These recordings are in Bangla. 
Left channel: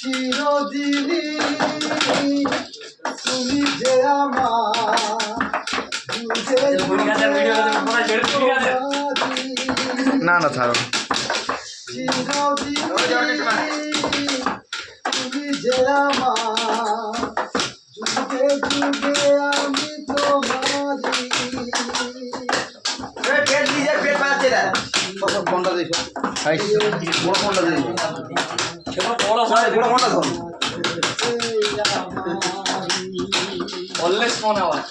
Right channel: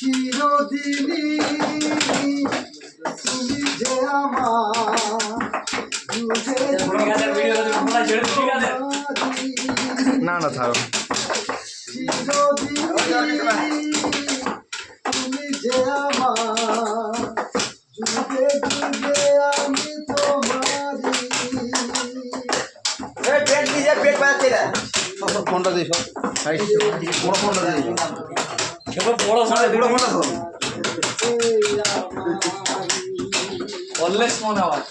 চিরদিনই তুমি যে না না থাকো তুমি যে আমার যুগে যুগে আমি তোমারি পেট দিয়ে পেট বাজাচ্ছে রে ফোনটা দিস বড় ফোনটা দিস বড় ফোনটা ধর অলওয়েজ মনে হয়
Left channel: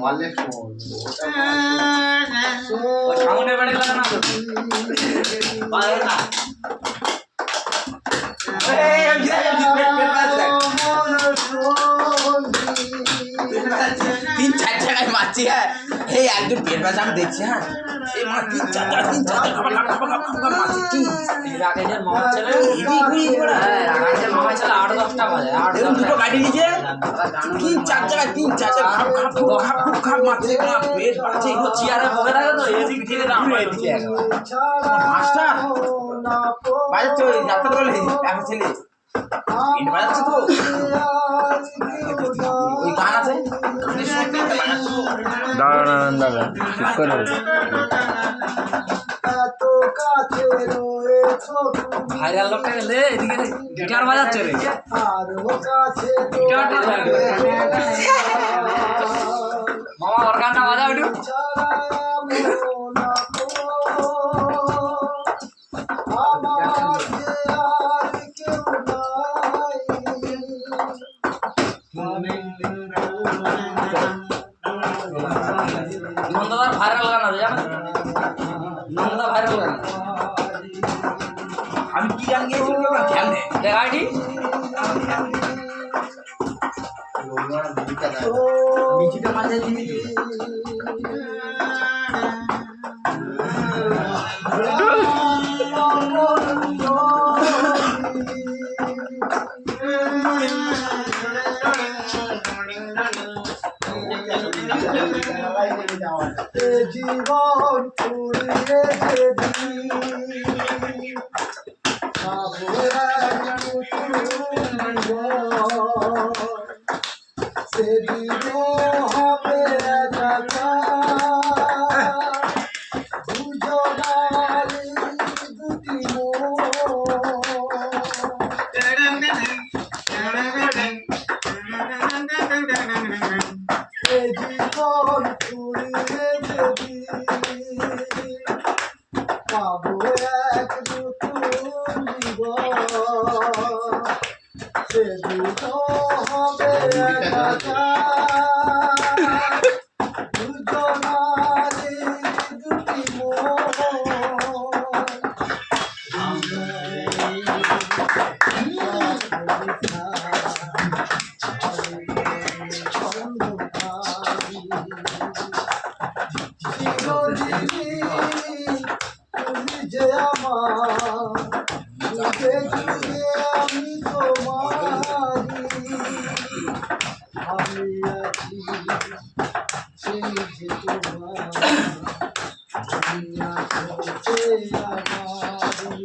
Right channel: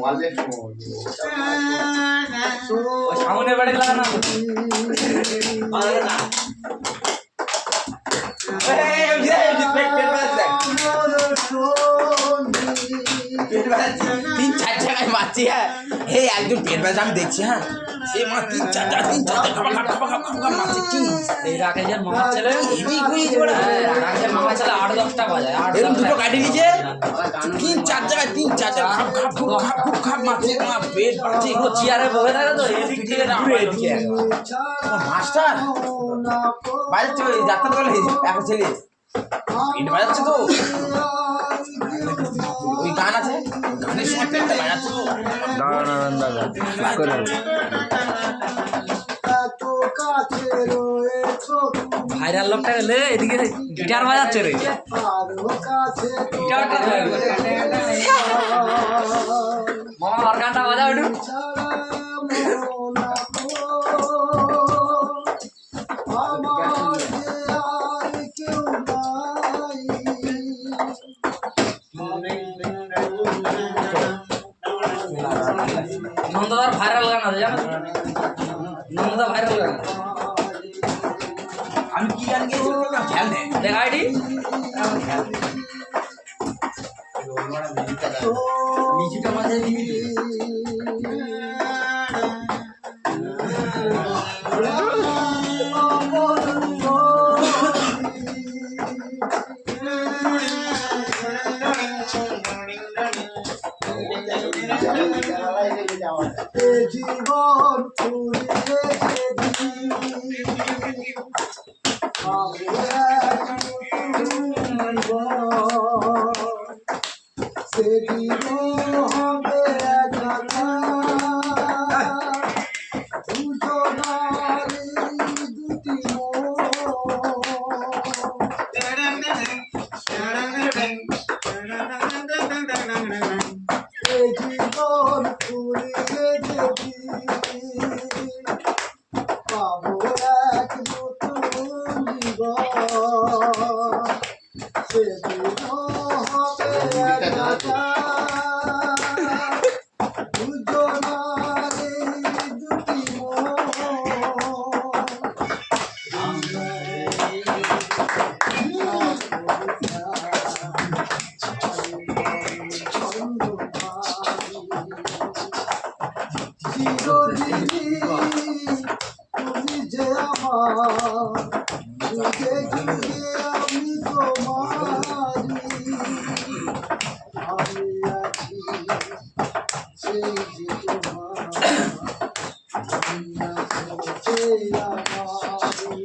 ওয়ালেট সামনে বাড়ি লাগানো পারে না तीन चार जगह मारती है हे একদম পেট ব্যথা আমি দেখছি হ্যাঁ সে মা তিন চার জায়গা মারছে এই রাকেশের মামা ছেলে হেভি হুইজ বড় রাকেশের মামা ছেলে 8-10টা বাজে এরকম দুটো গাড়ি নিচে তিন চার খাপ খাপ মারছে মা পেট বাঁচছে এগুলো চেয়ারে বসে থাকে তো এদিক থেকে এদিকে মাস্টার বাজাচ্ছে ওই ডাক্তার বলে এক ছেলে পেট বাজাচ্ছে তো ওই গান আছে গানের সময় পেটটা বাজাচ্ছে তো দাঁড়ান দাদা চুপ করো ভাইরাল লোকটা গেলে এদিকে গিটার বাজাচ্ছে রে গিটারটা মামা অর্গানটা বাজা একটু নন্দদার ভাইরাল গান আছে জানো নন্দদা ভাইরাল গান আমি কি গান গেয়েছি ওটা খেয়াল নেই দেখ আইডি নিচুটা মাঝে লিমিট জীবন ফুরিয়ে সেদিন হবে দুজনার দুটি জীবন ফুরিয়ে যদি পাবো এক নতুন জীবন সেদিন হবে দুজনার দুটি তুমি যে আমার যুগে যুগে আমি তোমারি আমি আছি সেই যে তোমার আমি আছি সেই আমারি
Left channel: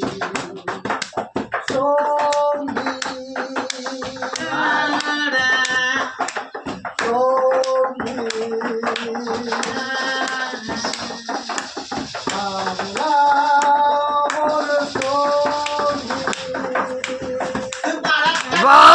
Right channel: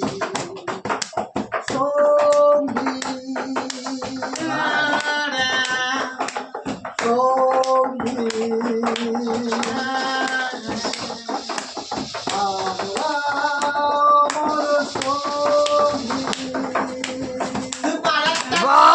সঙ্গী বাহ